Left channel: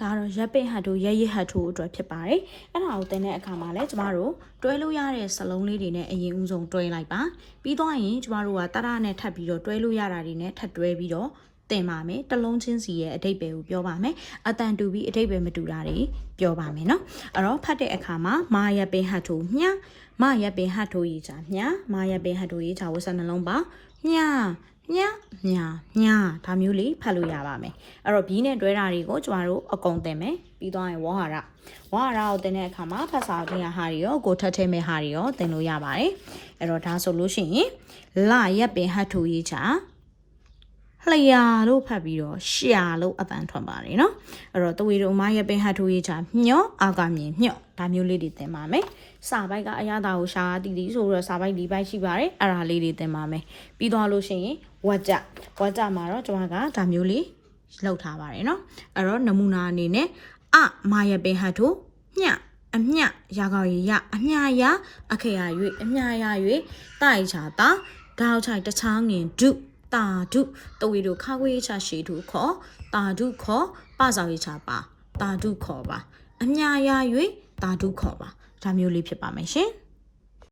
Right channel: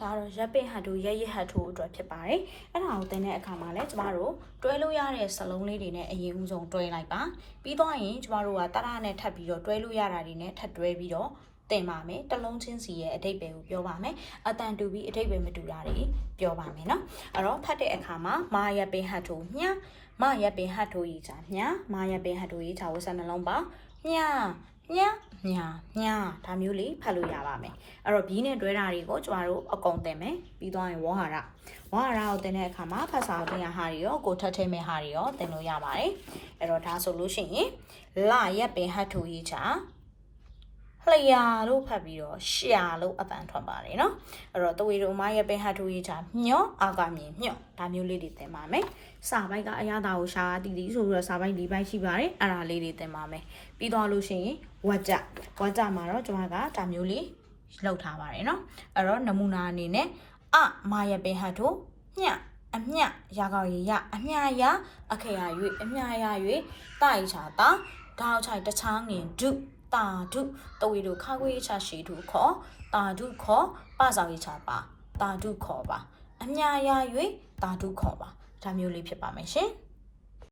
ဒါတော့ရပ်ပိတ်ဟတ်တို့ရဟတ်ထိုးအတွက်ဖြစ်ပါတယ်အဲ့ဒါကိုသင်တဲ့အခါမှာလည်းကျမတို့တွဲလို့ရတဲ့စလုံးလေးတွေနဲ့အရင်ဦးဆုံးတွဲလိုက်ပါပြီးတော့ရင်ကျမတို့ကတရနဲ့ထပ်ပြီးတော့တွဲလို့ရတာတွေနဲ့ထပ်တွဲပြီးတော့သင်ပါမယ်တစ်လုံးချင်းစီရဲ့အဓိပ္ပာယ်ကိုပြောပါမယ်အတန်တူပြီးအဓိပ္ပာယ်မတူတာတွေပြောပါမယ်နော်အဲ့တော့ဖတ်တဲ့အခါမှာမာရပ်ပိတ်ဟတ်ထိုးမြမရပ်ပိတ်ဟတ်ထိုးရေးချာမြမာရပ်ပိတ်ဟတ်ထိုးရေးချာဝစနှလုံးပါမြဒါမျိုးလေးဖတ်လို့ရပါမယ်အဲ့တော့ B နဲ့တွဲတာတွေကိုကျမတို့အကုန်သင်မယ်ပြီးသွားရင်ဝဟာရကိုသင်တဲ့အခါမှာဖတ်စာအုပ်တင်ရဟာတွေရောကိုထပ်ထဲမဲ့ဟာတွေရောသင်လို့ရပါတယ်အဲ့တော့ဒါဆိုလို့ရှိရင်လရက်ပင်ဟတ်ထိုးရေးချာလျာလို့ဖတ်ပြီးတော့ရှာလို့အတန်ထွက်ပါတယ်နော်အဲ့တော့တဝေတို့မရက်ပင်ဟတ်ထိုးရေးချာညော့အာကမြင်ညော့ဒါမျိုးလေးတွေသင်ပါမယ်စာပိုက်ကအရသာကိုရှာတီတီဆိုတော့စာပိုက်၄ပိုက်ရှိပါတယ်အဲ့ဒါလေးတွေသင်ပါမယ်ပြီးသွားလို့ရှိရင်ဝါကြမှာတော့ကျွန်မကဒါမျိုးလေးလောက်ထားပါတယ်နော်အဲ့တော့နမူနာအနေနဲ့မာရပင်ဟတ်ထိုအမြရာကောက်ရအမြရာအခရာ၍အမြရာ၍တိုင်ချာတာဒေါက်ချိုင်တချောင်းငင်ဒုတာဒုတဝေတို့ခါခွေးချရှေထုခေါ်တာဒုခေါ်ပဆောင်ရချပါတာဒုခေါ်ပါအမြရာ၍တာဒုခေါ်ပါဒါမျိုးလေးဖြစ်ပါမယ်ရှင်